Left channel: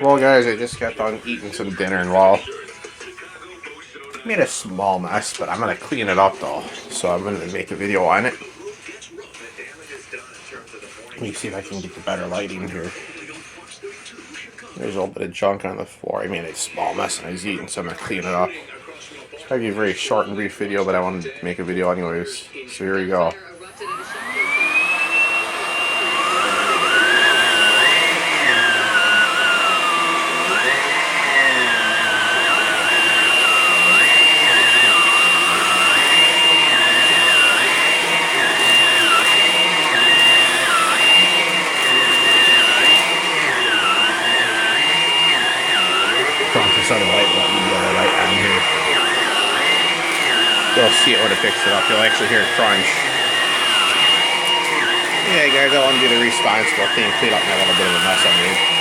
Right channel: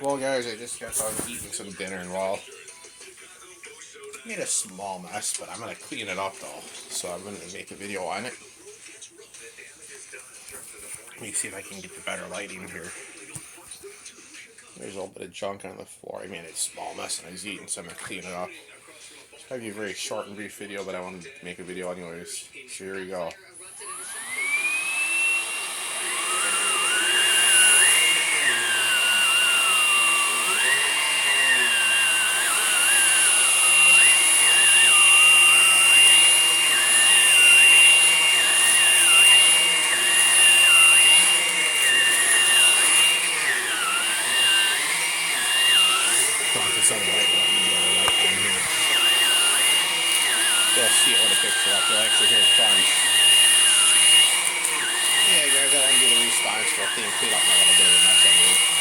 Well, guys, I just got done eating some dinner and made a small mess, but I'm gonna clean it up though. So I'm gonna make a video on it. Let me see if I can get the better lighting here. There's a little bit of junk on the floor. I made a small mess and I was eating, so I'm gonna clean it up. It's probably a very short and brief video, but I wanted to make a video anyways. So here we go. Press this other light button, the other light on here. You'll see it when it picks it up. You'll actually hear it crunch. Yeah, guys, I want to do the responsible thing, clean up my little bit of a mess I made.